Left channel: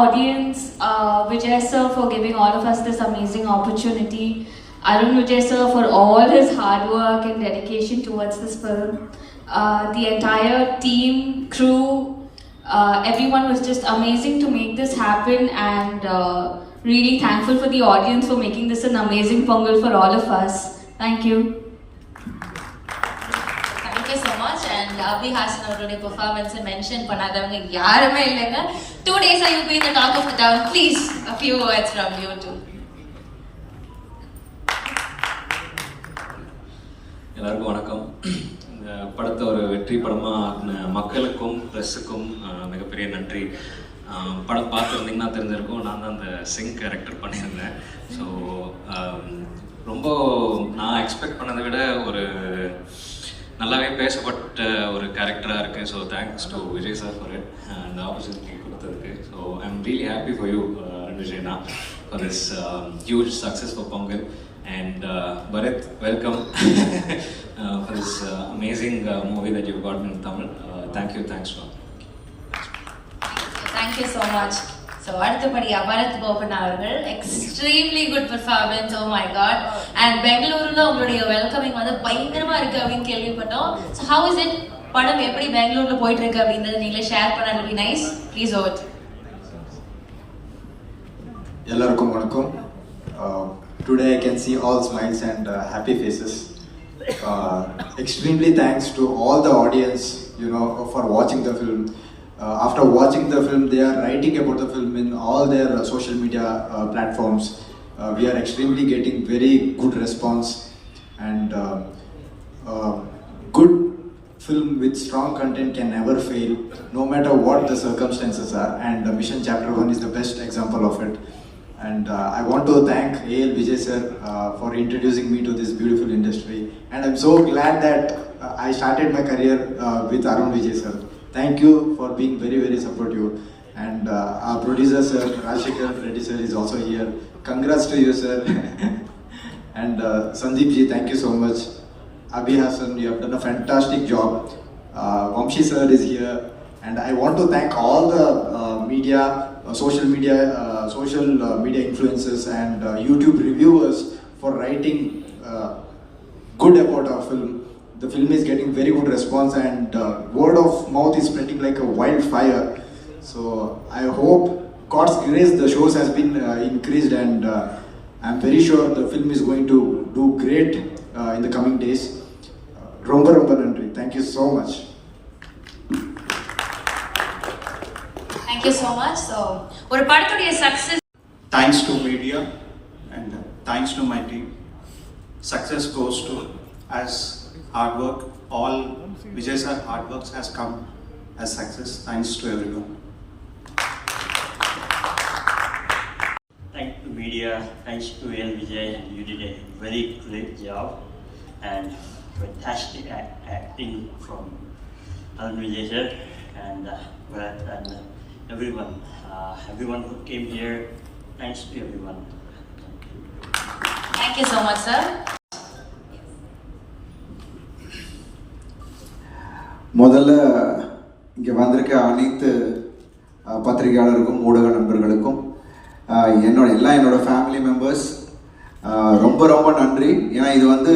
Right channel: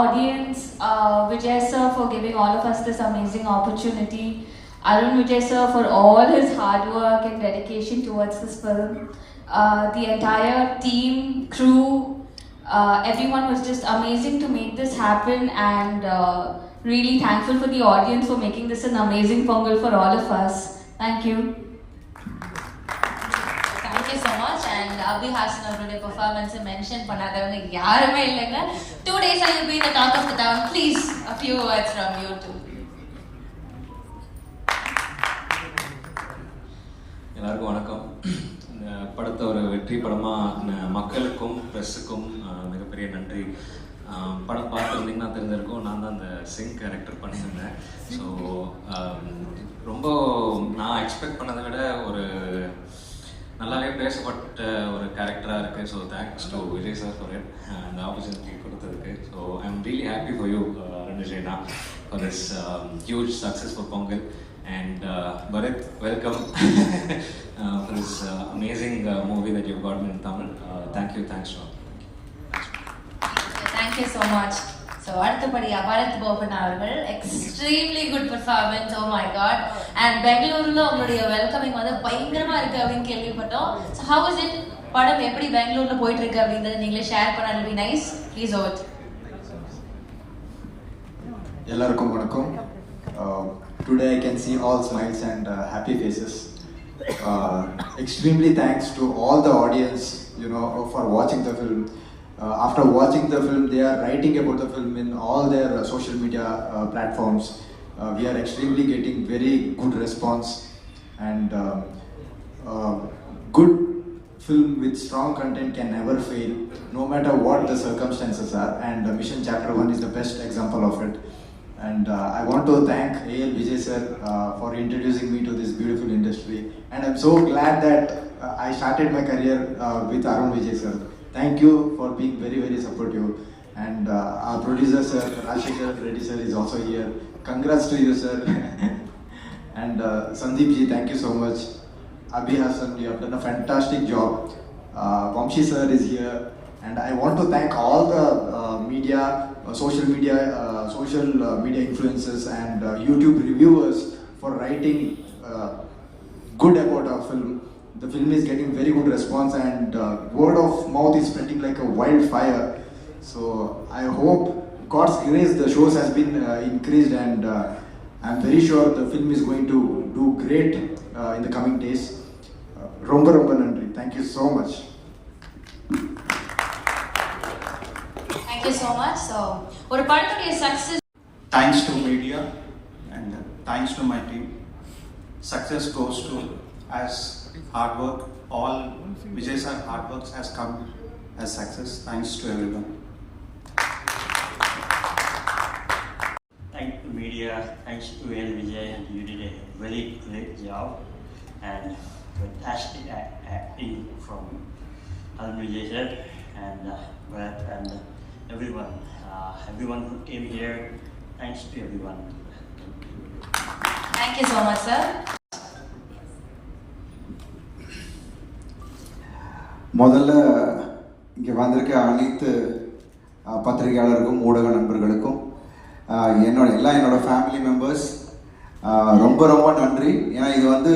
audience, Vijay sir for giving all of us this amazing opportunity, Arun Vijay sir for all his hard work and dedication towards this film, the entire team, crew, everyone was just amazing to make this happen, and really thankful for the audience for making this an amazing Pongal for all of us. Thank you. Thank you so much. And Abhi Hassan அவருடைய performance mention பண்ணாதவங்க யாருமே இல்லைங்க. 2 days I will be in the talk of the town. Please, a few words from you too. எல்லாருக்கும் வணக்கம். இந்த படத்தை ஒரு வெற்றி படமாக மக்களுக்கும் ப்ரெஸ்ஸுக்கும் மிகப்பெரிய நன்றி. படம் பார்த்துருந்தீங்கன்னா தெரிஞ்சிருக்கும், நான் தான் அந்த சிங் கேரக்டர் பண்ணியிருந்தேன். ஸோ ரொம்ப நான் எக்ஸ்பெக்ட் பண்ணதை விட ஒரு நல்லாவே பேசப்பட்ட ஒரு கேரக்டராக இருக்குது. So thanks to Vijay sir for it, அந்த ஆப்பர்ச்சுனிட்டி கொடுத்ததுக்கு. So I am really happy for you விஜய்னா for this huge success for Pongal. And Bharat, welcome for this amazing movie that you've gotten in Tamil. Thank you, thanks to all. Thank you so much. So அடுத்தபடியா பரத் போபன் அவர்கள் extremely good performance, oh my god. And பெங்களூருல உங்களுடைய welcoming வந்து பயங்கரமா இருக்கு அப்படின்னு கேள்விப்பட்டோம். So how is it? படம் எப்படி பெங்களூர்ல போயிட்டு இருக்கு அப்படிங்கறது நீங்களே ஷேர் பண்ணா really nice. Please vote. எல்லாருக்கும் வணக்கம். Today I can see all smiles and happy faces. Extremely thanks to all the audience, you know, for watching the film. After watching the film, they are writing about the film in all their social media platforms. We are extremely getting very good response, and good film with strong content can never fail, no matter what the circumstances are. And Mission Chapter 1 is the best example of it. And I want to thank A.L. Vijay sir for introducing me to this beautiful industry. And I'm so glad that I started my career with Arun Vijay sir. Thank you for being very, very supportive. And our producer sir, Rajshekar Reddy sir is also here. Congrats to you sir. And Sandeep ji, thank you so much. Abhi Hassan, you have done a fantastic job. Vamshi sir is here. And I want to thank all the media, social media influencers and YouTube reviewers for writing good about our film. The film is getting very good response, and word of mouth is spreading like a wildfire. So I hope God's grace the shows has been increased, and I'm very sure the film is going to do great in the coming days. Romba romba nandri. Thank you so much. Thank you so much. So ஒரு படத்துடைய success. Thanks to media and thanks to my team. Success goes to as hard work. All Vijay sir hard works has come as success. Thanks to everyone. Thanks to media, thanks to L. Vijay. You did a very great job and fantastic acting from Arun Vijay sir and Bharat and everyone who came here. Thanks to everyone. Thank you so much sir. முதல்ல இங்கே வந்திருக்க அனைத்து பத்திரிகையாளருக்கும் ஊடக நண்பர்களுக்கும் என்னோட family members ரொம்ப ரொம்ப நன்றி. ஏன்னா இது வந்து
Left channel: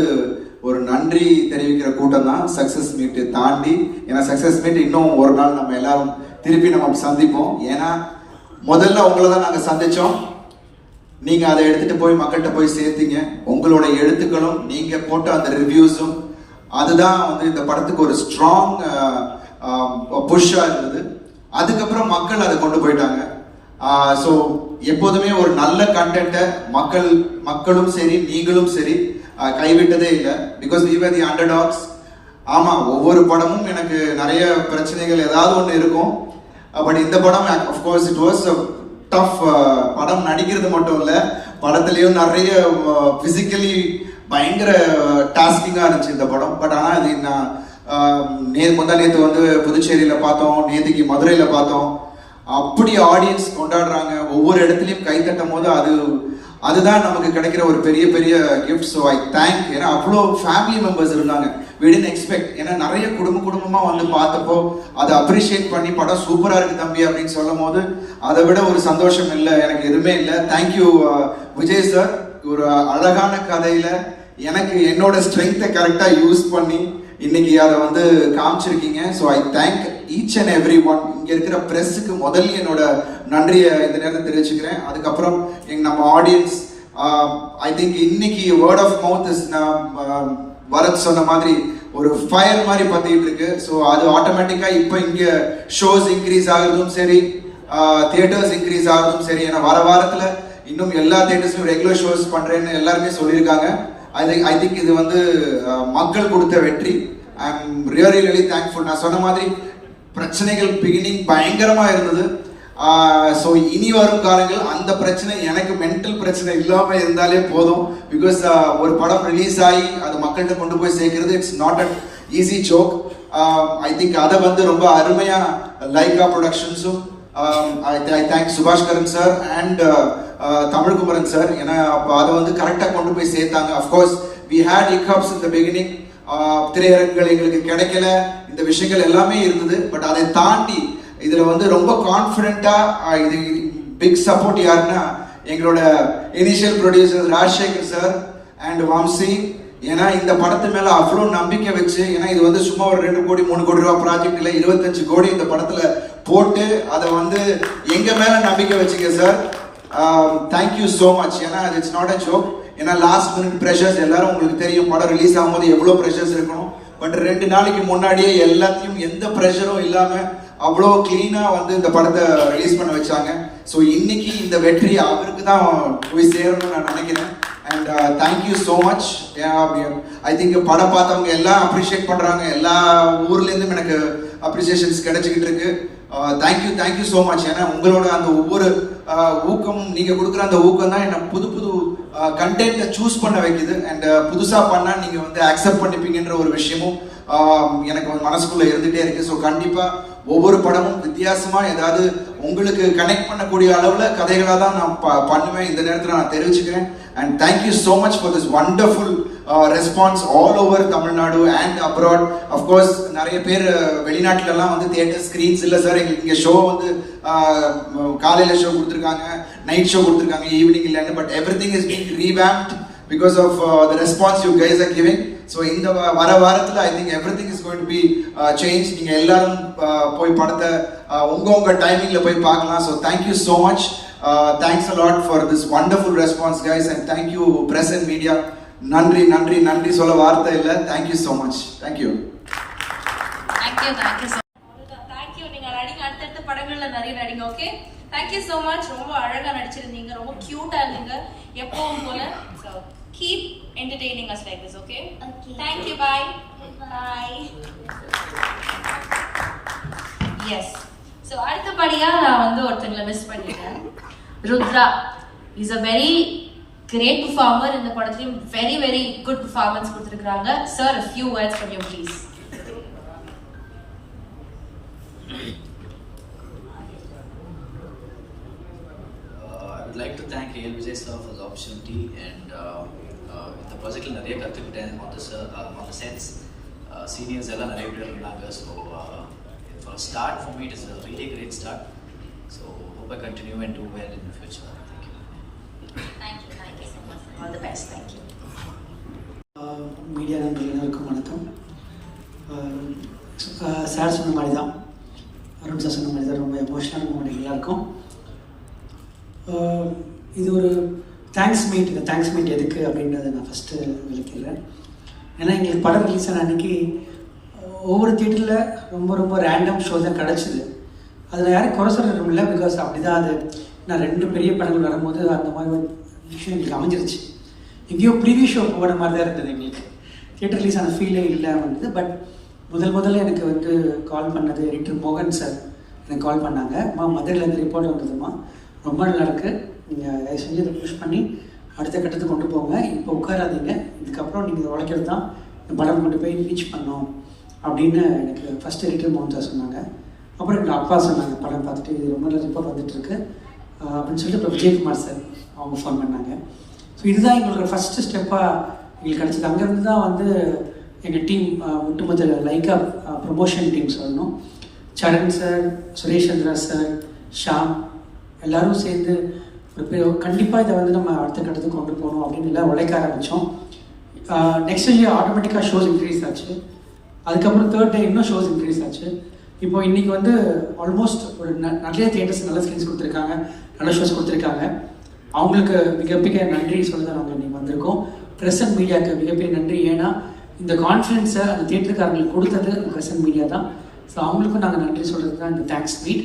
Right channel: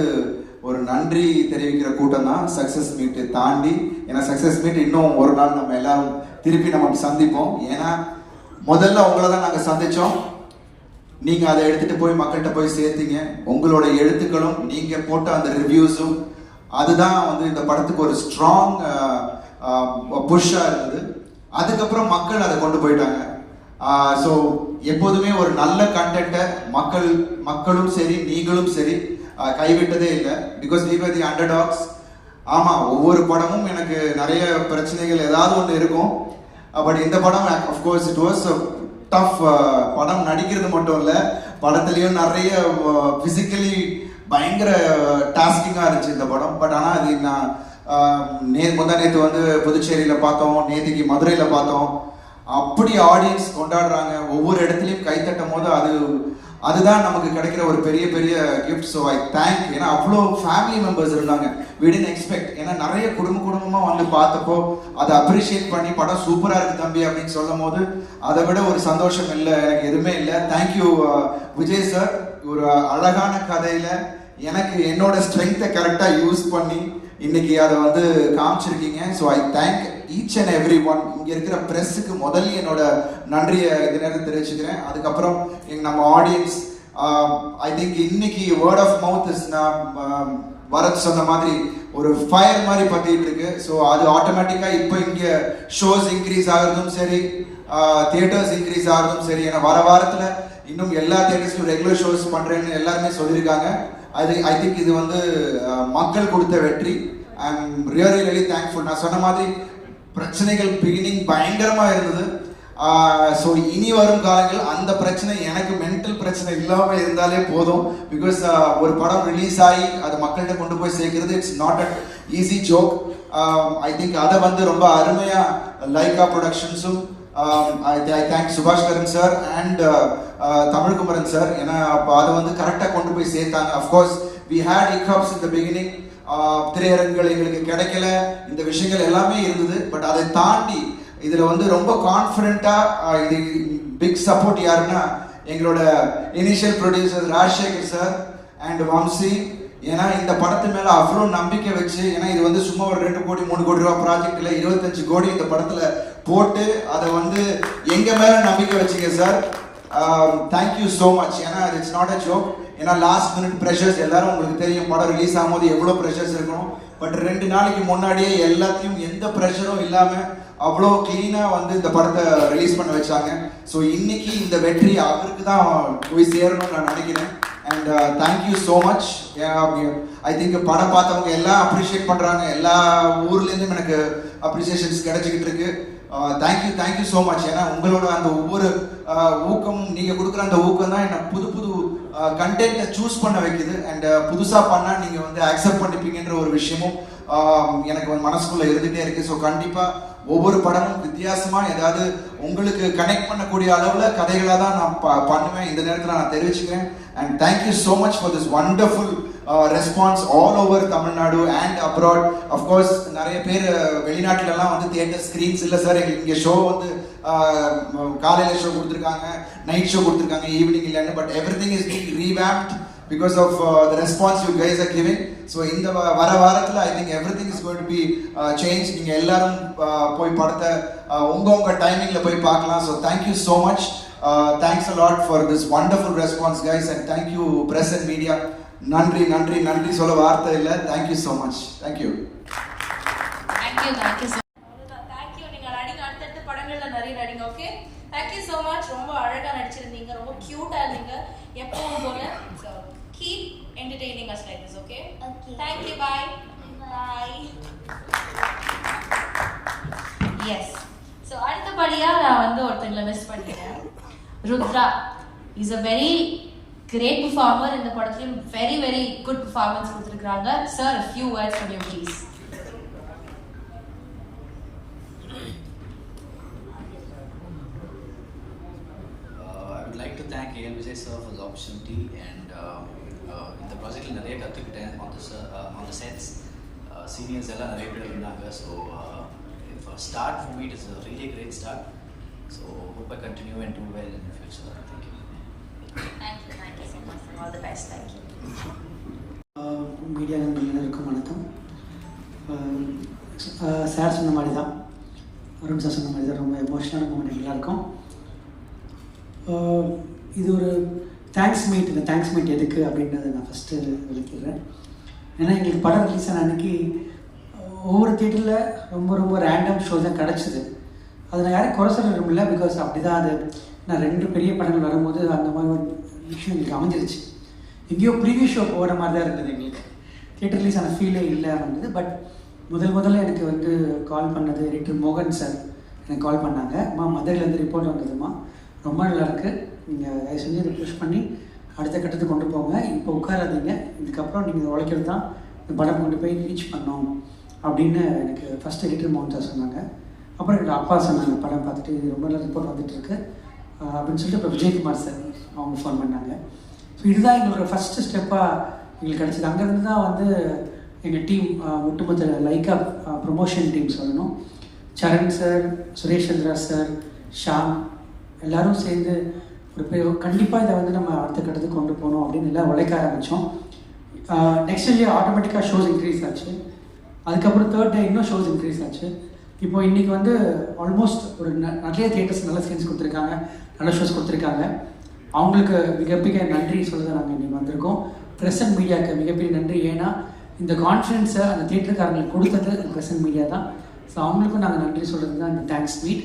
ஒரு நன்றி தெரிவிக்கிற கூட்டம் தான் சக்ஸஸ் மீட்டு தாண்டி. ஏன்னா சக்ஸஸ் மீட் இன்னும் ஒரு நாள் நம்ம எல்லாரும் திருப்பி நம்ம சந்திப்போம். ஏன்னா முதல்ல உங்களை தான் நாங்கள் சந்தித்தோம், நீங்கள் அதை எடுத்துகிட்டு போய் மக்கள்கிட்ட போய் சேர்த்தீங்க. உங்களோட எழுத்துக்களும் நீங்கள் போட்ட அந்த ரிவ்யூஸும் அதுதான் வந்து இந்த படத்துக்கு ஒரு ஸ்ட்ராங் புஷ்ஷாக இருந்தது. அதுக்கப்புறம் மக்கள் அதை கொண்டு போயிட்டாங்க. ஸோ எப்போதுமே ஒரு நல்ல கண்டென்ட்டை மக்களும் சரி நீங்களும் சரி கைவிட்டதே இல்லை. Because we were the underdogs. ஆமாம், ஒவ்வொரு படமும் எனக்கு நிறைய பிரச்சனைகள் ஏதாவது ஒன்று இருக்கும். பட் இந்த படம் அஃப்கோர்ஸ் இட் வாஸ் டஃப். படம் நடிக்கிறது மட்டும் இல்லை, படத்துலேயும் நிறைய ஃபிசிக்கலி பயங்கர டாஸ்கிங்காக இருந்துச்சு இந்த படம். பட் ஆனால் அது நான் நேற்று வந்து புதுச்சேரியில் பார்த்தோம், நேற்றுக்கு மதுரையில் பார்த்தோம். அப்படி ஆடியன்ஸ் கொண்டாடுறாங்க, ஒவ்வொரு இடத்துலையும் கை தட்டும் போது அதுதான் நமக்கு கிடைக்கிற ஒரு பெரிய பெரிய கிஃப்ட். So I thank. ஏன்னா அவ்வளோ ஃபேமிலி மெம்பர்ஸ் இருந்தாங்க. we didn't expect. ஏன்னா நிறைய குடும்பமாக வந்து பார்த்தப்போ அதை அப்ரிஷியேட் பண்ணி படம் சூப்பராக இருக்கு தம்பி அப்படின்னு சொல்லும் போது அதை விட ஒரு சந்தோஷம் இல்லை, எனக்கு எதுவுமே இல்லை. Thank you Vijay sir. ஒரு அழகான கதையில எனக்கு என்னோட ஸ்ட்ரென்த்தை கரெக்டாக யூஸ் பண்ணி இன்னைக்கு அதை வந்து காமிச்சிருக்கீங்க. So I thank each and every one. இங்கே இருக்கிற ப்ரெஸ்ஸுக்கு முதல்ல என்னோட நன்றியை இந்த நேரத்தை தெரிவிச்சுக்கிறேன். அதுக்கப்புறம் நம்ம ஆடியன்ஸ், ஐ திங்க் இன்னைக்கு வேர்ட் ஆஃப் மவுத் இஸ், நான் பரத் சொன்ன மாதிரி ஒரு ஃபயர் மாதிரி பற்றிட்டு இருக்கு. ஸோ அது ஆட்டோமேட்டிக்காக இப்போ இங்கே ஷோஸ் இன்க்ரீஸ் ஆகிறதும் சரி, தியேட்டர்ஸ் இன்க்ரீஸ் ஆகிறதும் சரி. ஏன்னா வர வாரத்தில் இன்னும் எல்லா தியேட்டர்ஸ்லையும் ரெகுலர் ஷோஸ் பண்ணுறேன்னு எல்லாருமே சொல்லியிருக்காங்க. ஐ திங்க் இது வந்து மக்கள் கொடுத்த வெற்றி. ஐ எம் ரியலி தேங்க்ஃபுல். நான் சொன்ன மாதிரி பிரச்சனைகள் பிகினிங் பயங்கரமாக இருந்தது. ஸோ இனி வரும் காலங்கள் அந்த பிரச்சனை, எனக்கு மென்டல் பிரச்சனை இல்லாமல் இருந்தாலே போதும். பிகாஸ் ஒரு படம் ரிலீஸ் ஆகி அது மக்கள்கிட்ட கொண்டு போய் சேர்க்கிறது it's not an easy joke. I think அதை வந்து ரொம்ப அருமையாக லைகா ப்ரொடக்ஷன்ஸும், I thank Subaskaran sir and Tamilkumaran sir. ஏன்னா அப்போ அதை வந்து கரெக்டாக கொண்டு போய் சேர்த்தாங்க. Of course we had hiccups in the beginning. திரையரங்குகள் எங்களுக்கு கிடைக்கல, இந்த விஷயங்கள் எல்லாமே இருந்தது. பட் அதை தாண்டி இதில் வந்து ரொம்ப கான்ஃபிடென்ட்டாக இது பிக் சப்போர்ட் யாருன்னா எங்களோட initial producer Rajasekhar sir and Vamsi. ஏன்னா இந்த படத்து மேலே அவ்வளோ நம்பிக்கை வச்சு, ஏன்னா இது வந்து சும்மா ஒரு 2 கோடி 3 கோடி ரூபா ப்ராஜெக்ட் இல்லை, 25 கோடி இந்த படத்தில் போட்டு அதை வந்து எங்கள் மேலே நம்பிக்கை வச்சுக்க சார். Thank you so much. ஏன்னா இட்ஸ் நாட் அ ஜோக். ஏன்னா லாஸ்ட் மினிட் ப்ரெஷர்ஸ் எல்லாரும் உங்களுக்கு தெரியும், படம் ரிலீஸ் ஆகும்போது எவ்வளோ ப்ரெஷர்ஸ் இருக்கணும். பட் 2 நாளைக்கு முன்னாடியே எல்லாத்தையும் எந்த ப்ரெஷரும் இல்லாமல் அவ்வளோ கிளீனாக வந்து இந்த படத்தை ரிலீஸ் பண்ண வச்சாங்க. ஸோ இன்னைக்கு இந்த வெற்றி அவருக்கு தான் போய் சேரணும்னு நான் நினைக்கிறேன். And thank you so much. I think படம் பார்த்தவங்க எல்லாம் அப்ரிஷியேட் பண்ணுறாங்க. எல்லா ஊர்லேருந்தும் எனக்கு அப்ரிசியேஷன்ஸ் கிடைச்சிக்கிட்டு இருக்கு. Thank you so much. ஏன்னா உங்களோட அந்த ஒவ்வொரு ஊக்கமும், நீங்கள் கொடுக்குற அந்த ஊக்கம் தான் என்னை புது கண்டென்ட்டை சூஸ் பண்ண வைக்குது. அண்ட் புதுசாக பண்ணால் நீங்கள் வந்து அக்செப்ட் பண்ணிப்பீங்கன்ற ஒரு விஷயமும் எனக்கு மனசுக்குள்ளே இருந்துகிட்டே இருக்குது. ஸோ கண்டிப்பாக ஒவ்வொரு படமும் வித்தியாசமாக ஏதாவது உங்களுக்கு கனெக்ட் பண்ணக்கூடிய அளவில் கதைகளாக தான் நான் பண்ணுவேன். இந்த நேரத்தில் நான் தெரிவிச்சுக்கிறேன். And thank you so much for this wonderful response all over Tamil Nadu and abroad. Of course நிறைய பேர் வெளிநாட்டிலலாம் வந்து தியேட்டர் ஸ்க்ரீன்ஸ் இல்லை சார், எங்களுக்கு இங்கே ஷோ வந்து காலையில் ஷோ கொடுத்துருக்காங்க, நைட் ஷோ கொடுத்துருக்காங்க, ஈவினிங் இல்லைன்னு. But every thing is being revamped because of the response you guys are giving. So இந்த வர வாரத்தில் I think everything is going to be changed. நீங்கள் எல்லாரும் போய் படத்தை உங்க டைமிங்கில் போய் பார்க்கலாம். So thank you so much. Thanks a lot for this wonderful response guys, and thank you press and media. நன்றி சொல்ல வார்த்தை இல்லை. Thank you so much. Thank you. Thank you. நீங்க நடிங்க, அடுத்தடுத்த படங்கள்ல நிறைய நடிங்க. Okay, thank you so much. ரொம்ப அழகா நடிச்சிருந்தீங்க, ரொம்ப கியூட்டா இருந்தீங்க எப்பவும் போல. So keep entertaining us like this, okay? Okay. Thank you. Bye. Yes. So அடுத்தபடியா நான் வந்து ஒருத்தங்களை மிஸ் பண்ணிட்டேன். Rudra is a very great performer. இந்த படத்திலும் very good performance கொடுத்திருக்காங்க. Sir, a few words from you please. I would like to thank AL Vijay sir for the opportunity, and இந்த ப்ராஜெக்டில் நிறைய கற்றுக்கிட்டேன் on the sets. Seniors எல்லாம் நிறைய பேர் இருந்தாங்க. So for a start, for me it is a really great start. So hope I continue and do well in the future. Thank you. Thank you so much. All the best. Thank you. Media நண்பர்களுக்கும் வணக்கம். Sir சொன்ன மாதிரி தான், Arun sir சொன்ன மாதிரி தான், ரொம்ப எமோஷனலான moment எல்லாருக்கும். இது ஒரு தேங்க்ஸ் மீட். இந்த தேங்க்ஸ் மீட் எதுக்கு அப்படின்றத நான் ஃபஸ்ட்டு விளக்கிடுறேன். ஏன்னா எங்களுக்கு படம் ரிலீஸ் ஆன அன்றைக்கி ஒவ்வொரு தியேட்டரில் ரொம்ப ரேண்டம் ஷோ தான் கிடச்சிது. அதில் யாரும் குறை சொல்ல இல்லை, பிகாஸ் அப்படி தான் அது. நான் 2 பெரிய படங்கள் வரும்போது அந்த மாதிரி ஒரு விஷயம் எங்களுக்கு அமைஞ்சிருச்சு. எங்கேயோ ப்ரீவியூ ஷோ போகிற மாதிரி தான் இருந்தது எங்களுக்கு. தியேட்டர் ரிலீஸ் ஆன ஃபீலே இல்லை இருந்தது. பட் முதல்ல எனக்கு வந்து கால் பண்ணது எடிட்டர் மோகன் சார் எனக்கு கால் பண்ணாங்க. மதுரையிலேருந்து ரிப்போர்ட் வந்ததுமா, ரொம்ப நல்லா இருக்குது, நீங்கள் தயவு செஞ்சு அதை புஷ் பண்ணி அடுத்த கட்டத்துக்கு கொண்டு போங்க, இப்போ உட்காராதீங்க, இதுக்கப்புறம் நீங்கள் இதை உழைக்கிறது தான் இந்த படம் கொண்டு போய் ரீச் பண்ணோம் அப்படின்னு எனக்கு ஃபஸ்ட் எடிட்டர் மோகன் சார் சொன்னாங்க. அப்புறம் எங்கள் அப்பா சொன்னாங்க, படம் பார்த்துட்டு இது ரொம்ப நல்லா ரிப்போர்ட் வந்துட்டுருக்கு, அப்படின்னு சொல்லிட்டு இப்போ விஜயகுமார் சார் அவங்க ஃபோன் பண்ணாங்க. ஸோ இதுதான் எங்களோட ஃபஸ்ட்டு ஸ்டெப்பாக எங்களுக்கு கிடச்சிது. அங்கேருந்து தான் வந்து எங்கள் டீம் ஒட்டுமொத்த லைக்கா ப்ரொமோஷன் டீம் சொல்லணும். சரண் சார், சுரேஷ் சந்திரா சார், ஷாம் எல்லோரும் சேர்ந்து ஒரு பெரிய கண்டிப்பாக இதை வந்து நம்ம அடுத்த கட்டத்துக்கு கொண்டு போகணும் அப்படின்னு எல்லாம் உழைக்க ஆரம்பித்தோம். நெக்ஸ்ட் டே ஆட்டோமேட்டிக்காக ஷோஸ் இன்க்ரீஸ் ஆச்சு. அதுக்கப்புறம் தேர்ட் டே இன்னும் ஷோஸ் இன்க்ரீஸ் ஆச்சு. இப்போ இன்றைக்கி வந்து ஆல்மோஸ்ட் ஒரு நிறைய தியேட்டர்ஸ் நல்ல ஸ்க்ரீன்ஸ் கொடுத்துருக்காங்க, நல்ல ஷோஸ் கொடுத்துருக்காங்க. அவங்களுக்கு மிகப்பெரிய நன்றி சொல்ல நாங்கள் இன்றைக்கி வந்திருக்கோம். ப்ரெஸ் அண்ட் மீடியாவுக்கு மிகப்பெரிய நன்றி. ஏன்னா இந்த கான்ஃபிடென்ஸை அந்த தியேட்டருக்காரங்களுக்கு கொடுத்தது ப்ரெஸ் அண்ட் மீடியா தான். ஸோ அவங்களுக்கும் நாங்கள் நன்றி சொல்கிறது தான் இந்த தேங்க்ஸ் மீட்.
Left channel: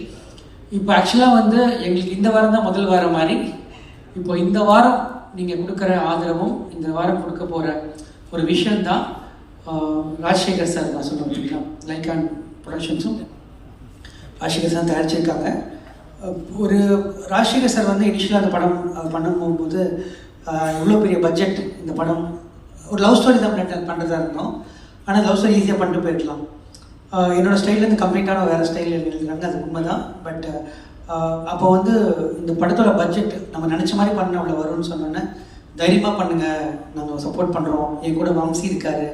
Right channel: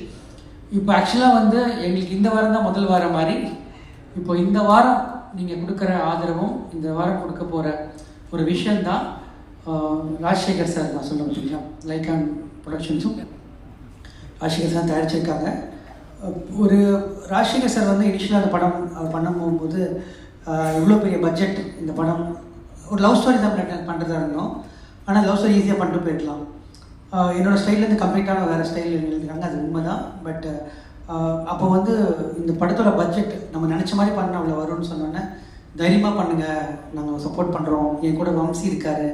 இப்போ ஆக்சுவலாக வந்து எங்களுக்கு இந்த வாரம் தான் முதல் வாரம் மாதிரி. இப்போ இந்த வாரம் நீங்கள் கொடுக்குற ஆதரவும் இந்த வாரம் கொடுக்க போகிற ஒரு விஷயந்தான் ராஜசேகர் சார் நான் சொல்ல அப்படின்னா லைக் அண்ட் ப்ரொடக்ஷன்ஸும் ராஜசேகர் சார் தயாரிச்சிருக்காங்க. ஒரு ராஜசேகர் சார் வந்து இனிஷியலாக இந்த படம் பண்ண போகும்போது எவ்வளோ பெரிய பட்ஜெட் இந்த படம், ஒரு லவ் ஸ்டோரி தான் பண்ணுறதா இருந்தோம். ஆனால் லவ் ஸ்டோரி ஈஸியாக பண்ணிட்டு போயிடலாம். என்னோடய ஸ்டைல்லேருந்து கம்ப்ளீட்டான வேறு ஸ்டைலில் எழுதுறாங்க, அது உண்மை தான். பட் அப்போ வந்து இந்த படத்தோட பட்ஜெட் நம்ம நினச்ச மாதிரி பண்ண அவ்வளோ வரும்னு சொன்னோன்னே தைரியமாக பண்ணுங்கள், நாங்கள் சப்போர்ட் பண்ணுறோம், என் கூட வம்சி இருக்கார்,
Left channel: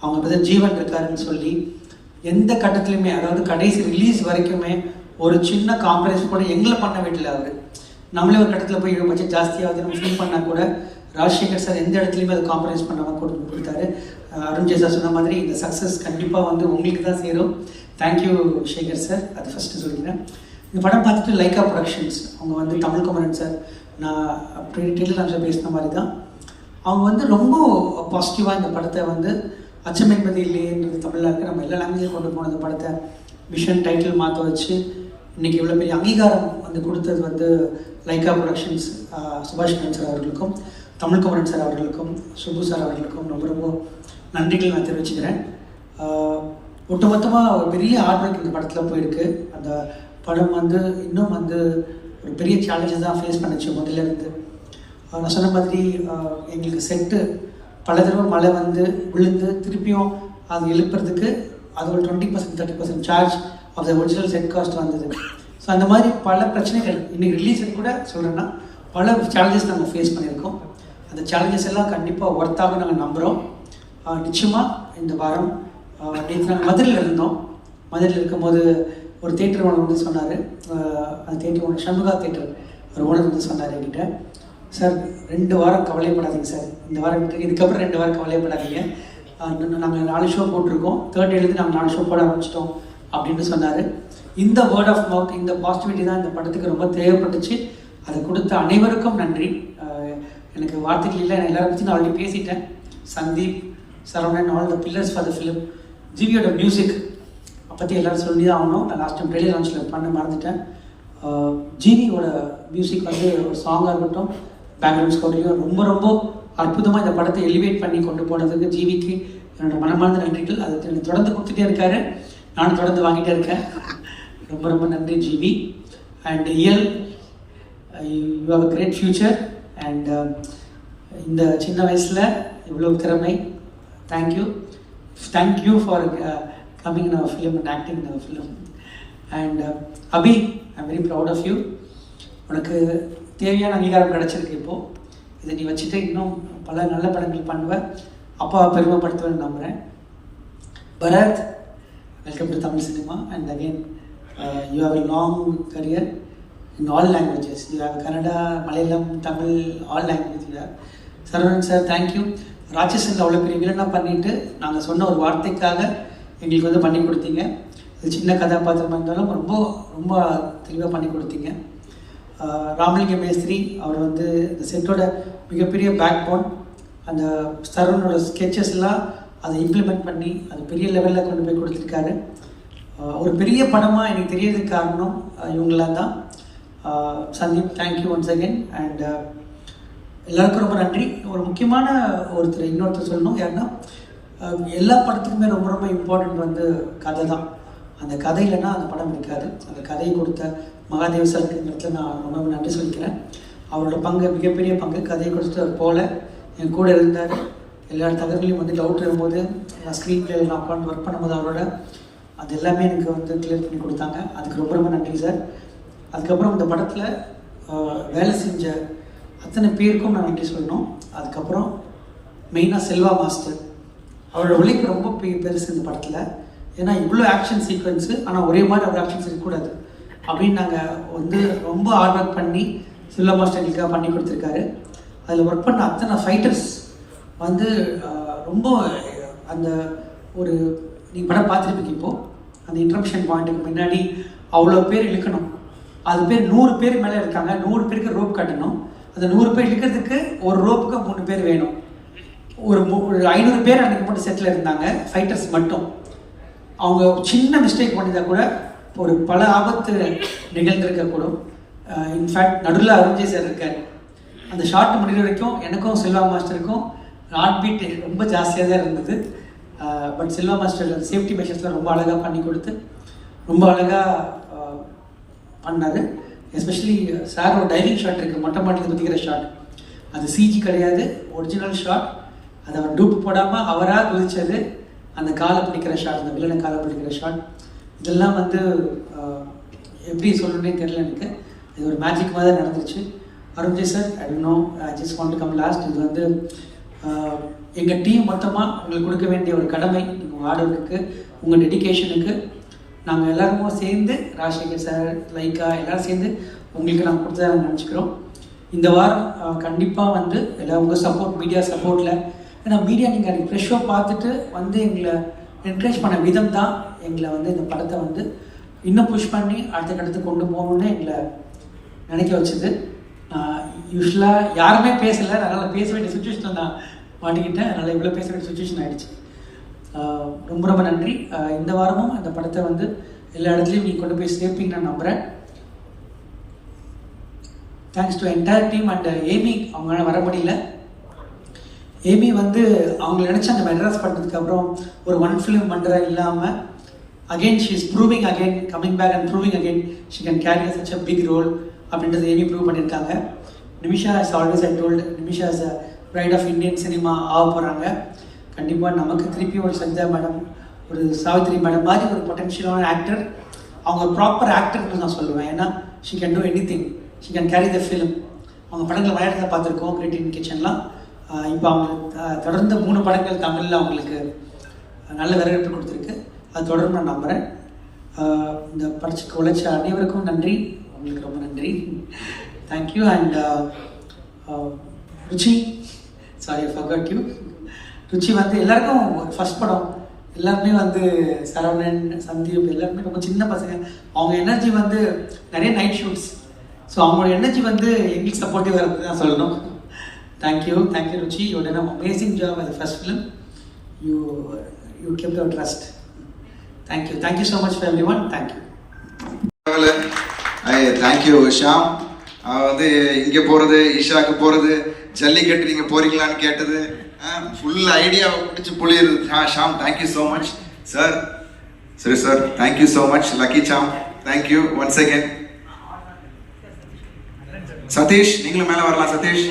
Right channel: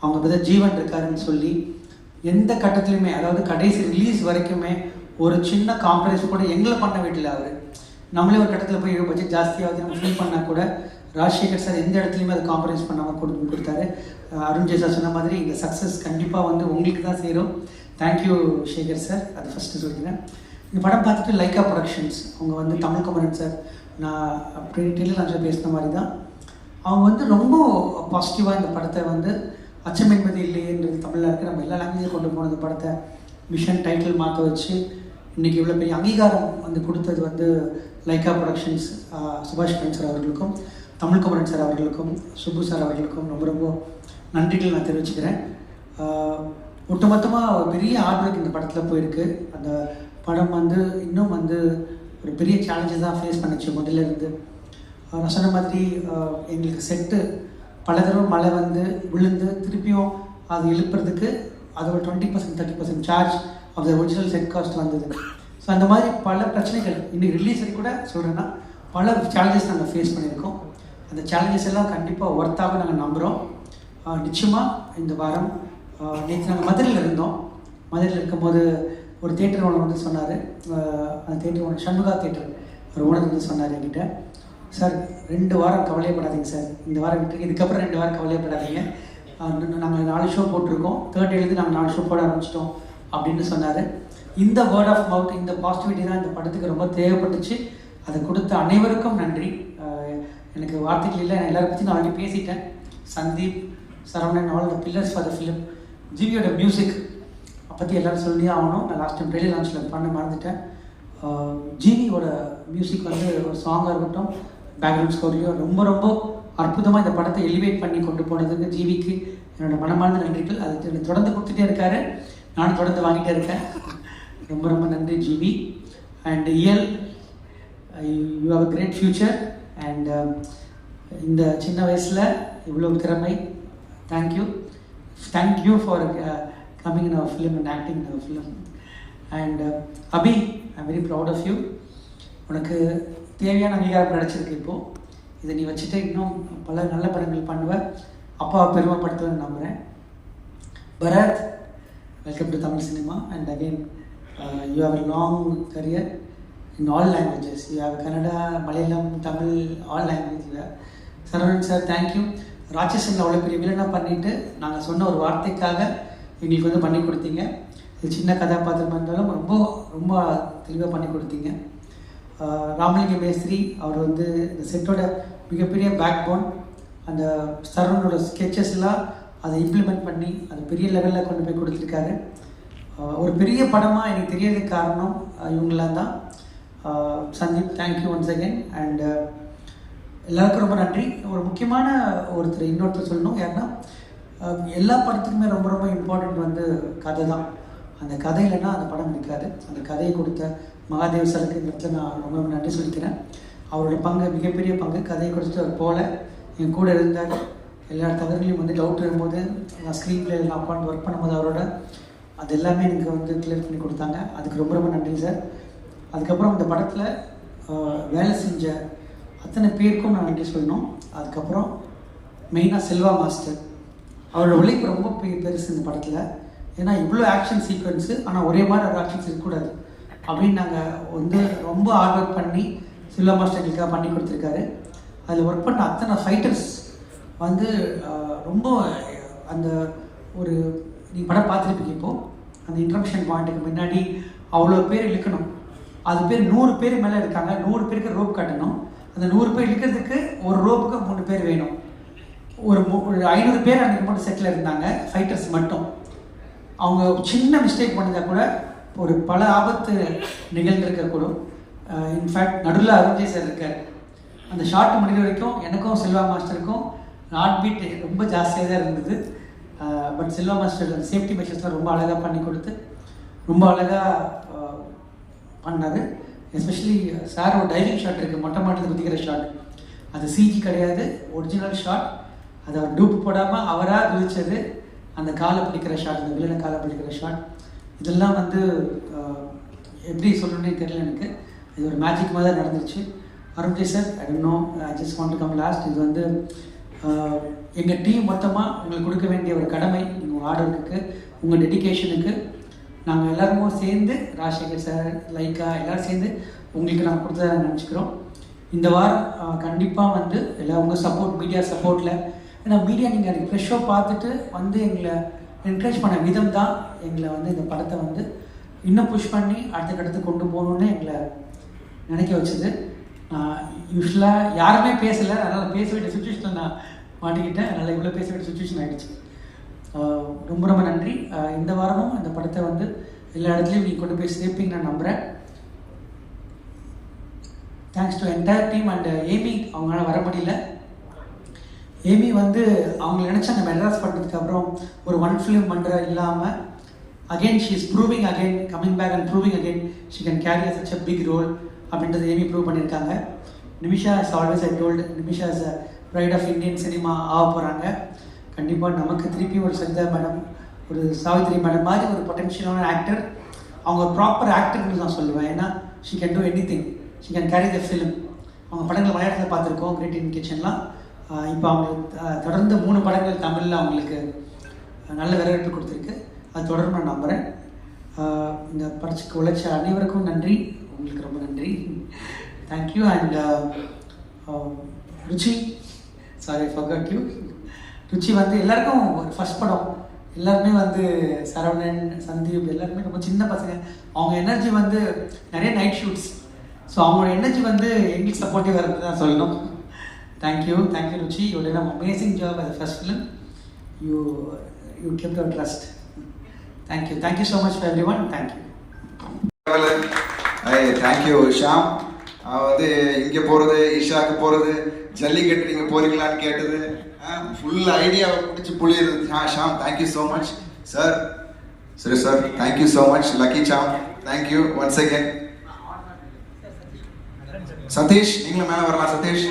அவங்க இப்போ ஜீவன் இருக்காருன்னு சொல்லி எந்த கட்டத்துலையுமே, அதாவது கடைசி ரிலீஸ் வரைக்குமே ஒரு சின்ன காம்ப்ரமைஸ் கூட எங்களை பண்ண வீட்டில் அவர். நம்மளே ஒரு கட்டத்தில் போய் பட்ஜெட் ஜாஸ்தியாகுது நம்ம ஃபீல் பண்ணால் கூட ராஜசேகர் சார் எந்த இடத்துலையுமே அது காம்ப்ரமைஸ் பண்ணாமல் கொடுத்தாரு. அருண் ஜெய் சார் சொன்ன மாதிரி இந்த சக்ஸஸ் கண்டிப்பாக வந்து உங்களுக்கு தான் சேரும். தேங்க்யூ சேகர் சார், அது ஃபஸ்ட்டு சொல்லிக்கிறேன். இந்த படம் பார்த்துட்டு லைக்கா ப்ரொடக்ஷன்ஸ் அவங்க வந்து தமிழ் குமரன் சார், நான் டீட்டெயில் நான் பேசின மாதிரி தான் அவங்க வந்து ரொம்ப பாசிட்டிவாக இந்த படத்தை வந்து அச்சம் என்பது இல்லையன்றது தமிழில் இருக்க நம்ம எல்லா லாங்குவேஜும் கொண்டு போன இந்த படத்தை மிஷன் டைட்டில் மாற்ற வச்சு இன்றைக்கி இவ்வளோ பெரிய அங்கீகாரம் வந்து கொடுத்தது வந்து லைக்கா ப்ரொடக்ஷன்ஸ் சுபாஷ் கரன் சார் அவர்களுக்கும், தமிழ் குமரன் சார் அவர்களுக்கும், சுப்பு சார் அவர்களுக்கும் ரொம்ப ரொம்ப நன்றிகள் நான் தெரிவிச்சுக்கிறேன். ஒட்டுமொத்தமாக ஒரு பெரிய ஹார்ட் ஒர்க் இந்த படத்தில் போயிருக்கு. அந்த படம் வந்து இன்னும் வந்து ஒரு பெரிய சேலஞ்சஸ் தான் ஃபேஸ் பண்ணிச்சு முதல்ல இருந்து. நான் சொன்ன மாதிரி எங்களுக்கு செட்டு பல தடவை மழை வந்து விழுந்து திருப்பியும் அது எழுப்புறதுக்கு அது ஒரு 20% 30% charge of the original set cost வந்தது. ஸோ அந்த மாதிரி பல பிரச்சனைகள் இன்னைக்கு ரிலீஸ் கூட சொல்கிறேன்னா பல சேலஞ்சஸ் நாங்கள் ஃபேஸ் பண்ணியிருக்கோம். அந்த சேலஞ்சஸ் எல்லாம் கண்டிப்பாக ஒர்த்தாக நாங்கள் நம்புகிறோம். நிச்சயமாக இந்த வாரம் நேற்று நாங்கள் மதுரையில் இருந்தோம். மதுரையில் இருக்கும்போது ஒரு தேட்டர் ஓனர் வந்து சொன்னார், அந்த தேட்டர் ஓனர் சண்முகா தேட்டர் ஒரு ஓனர் வந்து சொன்னார் என்கிட்ட, சார் 2 வாரம் கவலைப்படாதீங்க சார், இந்த வாரம் இதுக்கப்புறம் 2 வாரம் கவலைப்படாதீங்க, நாங்கள் 4 ஷோ போட்டிருக்கோம், 3rd டேலேருந்து நாங்கள் 4 ஷோ போட ஆரம்பிச்சிட்டோம் அப்படின்னு சொன்னார். இந்த வேர்ட் ஆஃப் மவுத், இந்த பாசிட்டிவிட்டி தான் இந்த படத்துக்கு ரொம்ப தேவைப்பட்டுச்சு. அதை கொடுத்த அனைவருக்கும் நன்றி. எனக்கு வார்த்தைகள் இல்லை, நான் எல்லாரை பற்றி நான் ஆல்ரெடி பேசிட்டேன். Sandeep, Saravanan, all the pillars for the film. ஜிவியோட மியூசிக் பற்றி எல்லோரும் சொல்லி தான் ஆகணும். நான் லாஸ்ட் டைம் ட்ரெயிலர் லான்ச்சில் பண்ண மறந்துட்டேன். ஜிவியோட மியூசிக் வந்து ஒரு சாங்காக இருக்கட்டும், பேக்ரவுண்ட் ஸ்கோர்லையும் ரொம்ப ரொம்ப அற்புதமாக இந்த படத்தை எலிவேட் பண்ணி கொண்டு போனதுக்கு ஜிவிக்கு என்னோடய மனமார்ந்த நன்றிகள். அதை தொடர்ந்து கொடுத்துட்டே இருக்காரு, நானும் தொடர்ந்து வாங்கிட்டே இருக்கேன். ரொம்ப ரொம்ப நன்றி GV. And Iyal, you have a great future. And இந்த சின்ன வயசில் இவ்வளோ திறமை, thank you for coming in our film and acting in our film. And Abhi, I'm very proud of you. உனக்கு தேவையான அங்கீகாரம் கிடைச்சிருக்கு. இப்போது இதை நீ வச்சுட்டு இன்னும் பல நல்ல படங்கள் பண்ணுவேன், அப்பா பெருமைப்படுத்துவேன்னு நம்புகிறேன். Bharath, welcome to Tamil cinema. And again you have a long career in all languages. You have Kannada, Malayalam, Tamil, all languages you have. Saravanan sir, thank you. Ratsasan அவ்வளோ பெரிய வில்லனாக பண்ணிவிட்டு நாங்கள் சொன்ன ஒரு வார்த்தைக்காக எங்களுக்கு வந்து பண்ணி கொடுத்தீங்க. இது சின்ன கதாபாத்திரம் இருந்தாலும் ரொம்ப ரொம்ப தெளிவாக பண்ணி கொடுத்தீங்க. ராமலிங்க மேஸ்திரி அவர் வந்து இந்த செட்டோட மிகப்பெரிய பேக் போன். அந்த சரவணோட ஸ்கெச்சஸ்லாம் அதை இம்ப்ளிமெண்ட் பண்ணி அது பெரிய லெவலில் கொண்டு போய் கொடுத்துருக்காரு. ஒரு பெரிய படமாக எனக்கு தெரியறதுக்கு காரணம் இவங்களாம் தான். Sandeep, thank you once again. And எல்லாருக்கும் ரொம்ப நன்றி. ஒரு முக்கியமான இன்னொருத்தர் சொல்லணும், யாருன்னா எல்லா படத்துக்குமே ரொம்ப ரொம்ப இம்பார்ட்டன்ட் வந்து கதை தான். அந்த கதை இல்லைன்னா அந்த படம் இருக்காது. அந்த கதையை கொடுத்த மகாதேவ் சாருக்கு இந்த இடத்துல நான் ரொம்ப நன்றி சொல்லிக்கிறேன். அவரோட பங்கு மிகப்பெரிய பங்கு. கதையை கொடுத்த போல் என் கூட இருந்தார். எல்லா தகவலையும் வந்து டவுட் இருக்கும்போது ஸ்க்ரீன் பிளே நான் உட்காந்து ஒர்க் பண்ணும்போது அவரோட அது எல்லாமே எனக்கு வந்து கிளியர் பண்ணி கொடுத்தாங்க. அதுக்கு ரொம்ப ரொம்ப நன்றி சார். அதுக்கப்புறம் இந்த படத்தில் வேலை செஞ்ச அத்தனை பேருக்கும் நான் நன்றி சொல்லணும். அதுக்கப்புறம் மெயினாக செல்வா மாஸ்டர், அவரோட உழைப்பு ரொம்ப பெருசு இந்த படத்தில். ஏன்னா இவ்வளோ ஆக்ஷன் சீக்வன்ஸு, ஆனால் ஒரே மாதிரி ஒரு ஆக்ஷன்ஸ் இருக்கக்கூடாது அப்படின்னு நாங்கள் வந்து ரொம்ப ஹார்ட் ஒர்க் பண்ணி செல்வா மாஸ்டர் எங்களுக்காக பண்ணி கொடுத்துருக்காரு. அதில் ஒர்க் பண்ண அத்தனை ஃபைட்டர்ஸ் வந்து ரொம்ப அந்த ஒரு நீங்கள் படம் பார்த்துருப்பீங்க. இப்போது அந்த இன்ட்ரப்ஷன் பாயிண்ட்டுக்கு முன்னாடி அவ்வளோ பேர் இழுக்கணும். அது பேர் 100 பேர் மேலே இருக்காங்க. 100 பேருக்கு ரோப் கட்டணும். அந்த 100 பேர் இழுக்கிறதுக்கு ஒரு ரோப்புக்கு 3 பேர் வேணும். ஒரு 500 பேர் அன்றைக்கி மட்டும் செட்டில் இருந்தாங்க, ஃபைட்டர்ஸ் மட்டும். அவங்க சின்ன மிஸ்டேக் பண்ணியிருந்தால் கூட ஒரு பல ஆபத்து நிகழ்ந்திருக்கக்கூடும். இன்ஃபேக்ட் நடுவில் அருண்ஜெய் சார் இருக்கார். அந்த ஷார்ட் முடிகிற வரைக்கும் எனக்கும் செல்வா மாஸ்டருக்கும் ஹார்ட் பீட் ரொம்ப ஜாஸ்தியாக தான் இருந்தது. பட் செல்வா மாஸ்டர் அந்த சேஃப்டி மெஷர்ஸ்லாம் ரொம்ப அழகாக பண்ணி கொடுத்து ரொம்ப அழகாக பண்ணார். எஸ்பெஷலி சாரோட டைவிங் ஷாட் இருக்குது, மொட்டை மாட்டில் குதிக்கிற ஷாட். அது சிஜி கிடையாது, ஒரிஜினல் ஷாட். அதை அவர் டூப் போடாமல் அவராக குதிச்சது, அந்த காலை பிடிக்கிற ஷாட், அந்த வில்லனை காலை பிடிக்கிற ஷாட், இதெல்லாம் வந்து எப்படி சொல்லணுன்னே தெரியல எனக்கு. இது ஒரு மேஜிக் மாதிரி நடந்துருச்சு. Arunjay sir, I don't know, I just want to come last. இது வந்து எங்கள் டீம் மொத்தமாக உங்களுக்கு கொடுக்க வேண்டிய ஒரு கடமை. உங்கள் ஹார்ட் ஒர்க்குக்கு, உங்கள் டெடிக்கேஷனுக்கு நாங்கள் எல்லாருமே சேர்ந்து, ராஜசேகர் சார், லைக்கா எல்லோரும் சேர்ந்து உங்களுக்கு நாங்கள் கொடுத்ததாக நினச்சிக்கிறோம். இந்த வாரம் கண்டிப்பாக வந்து எல்லாம் உங்கள் சப்போர்ட், மீடியா சப்போர்ட்டில், ஏன்னா மீடியா நீங்கள் அன்றைக்கி ஃப்ரெஷ்ஷாக பார்த்துட்டு வந்து எங்களை என்கரேஜ் பண்ண விதம் தான் எங்களை வந்து இந்த படத்தை வந்து இன்னும் புஷ் பண்ணி அடுத்தடுத்து கொண்டு போகணுன்னு எங்களை நினைக்க வச்சுது. நான் யூஸ்வலாக யாருமே பேசலை, அதனால் பேச வேண்டிய சுச்சுவேஷனில் நான் மாட்டிக்கிட்டேன். அதனால் இவ்வளோ பேச வேண்டிய சுச்சுவேஷன் ஆகிடுச்சு. ரொம்ப ரொம்ப நன்றி. இந்த வாரமும் இந்த படத்தை வந்து எல்லா இடத்துலையும் நீங்கள் கொண்டு போய் சேர்ப்பீங்க நான் நம்புகிறேன். Thanks to entire team and Amy. அவங்களால வர முடியல. ஏமி வந்து அவங்க நினச்சா அந்த மெட்ராஸ் படத்துக்கு அப்புறம் ஒரு 1 ஃபிலிம் பண்ணுற இல்லாமல் again she is proving again, coming back and proving again she can carry such a big role அப்படின்றது ஏமி ப்ரூவ் பண்ணியிருக்காங்க. Nimisha is always I told, Nimisha is a pride of Indian cinema ஆக போகிறாங்க. கண்டிப்பாக நமக்கு திருப்பி ஒரு சஜிதா மேடம், ஒரு சாவித்ரி மேடம் மாதிரி ஒரு பொட்டென்ஷியலான ஆக்டர். அவங்க ஒரு ப்ராப்பர் ஆக்டர்னு நான் சொல்லுவேன். ஏன்னா she can do any thing, she can carry the film. அவங்க படங்கள் மலையாளத்தில் பார்த்துருக்கோம், கிரேட் இன் கிச்சன்லாம். இப்போ அவங்க தொடர்ந்து 3 படங்கள் தமிழில் அவங்களுக்கு நல்ல வரவேற்பு கொடுத்துருக்கு. அது தொடர்ந்து நான் நம்புகிறேன். இந்த படத்துக்கு உழைச்ச அனைவருக்கும் நன்றி, உங்களுக்கு ரொம்ப நன்றி. Thank you. And Ruchi, sorry I forgot you. Ruchi வந்து எல்லாருக்கும் ஃபர்ஸ்ட் படம், எல்லாருமே வந்து சரவணன், சந்தீப் எல்லாருமே ரொம்ப சின்ன பசங்க. அவங்க எனர்ஜி வந்து நிறைய நைட் ஷூட்ஸ். ஸோ அவங்களோட எனர்ஜி வந்து எங்களுக்கு சப்போர்ட்டிவாக இருக்குது தான் சொல்லணும். Thank you Ruchi. You done an amazing job as the first film. You kept your trust. Thank you so much for everyone. Thank you. Thank you Shaam. வந்து இங்கே போகிறது, ஈஷாவுக்கு போகிறது, ஜல்லிக்கட்டு நீங்கள் போகிறீங்களான்னு கேட்டது, ஃபுல் ஐடியாவை பிடிச்சி புளியுது. Shaam, thank you so much. Sir, சரி sir, thank you so much. Lucky Sam, thank you once again. Sathish, நீங்களும் மேலே வரலாம். சதீஷ்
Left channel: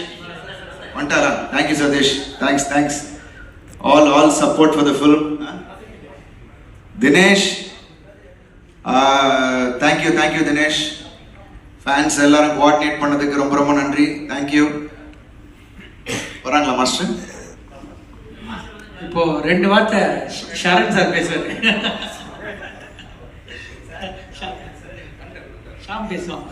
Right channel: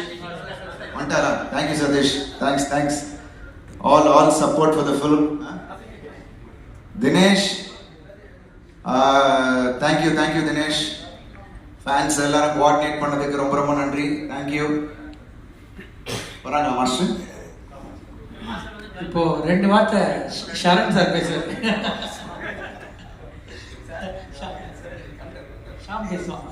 வந்துட்டாரா? Thank you Sathish, thanks. All support for the film. Dinesh, thank you Dinesh. Fans எல்லாரும் கோஆர்டினேட் பண்ணதுக்கு ரொம்ப ரொம்ப நன்றி. தேங்க்யூ. வராங்களா மாஸ்டர்? இப்போ 2 வார்த்தை ஷரண் சார் பேசுறாரு. ஷாம் பேசலாம்.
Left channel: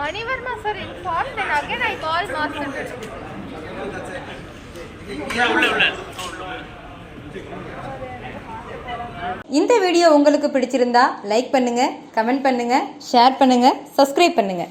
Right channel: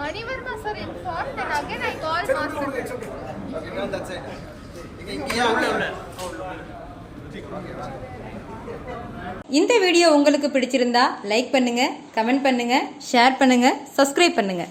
Manivarma sir informed and again I called master. இந்த வீடியோ உங்களுக்கு பிடிச்சிருந்தா லைக் பண்ணுங்கள், கமெண்ட் பண்ணுங்கள், ஷேர் பண்ணுங்கள், சப்ஸ்கிரைப் பண்ணுங்கள்.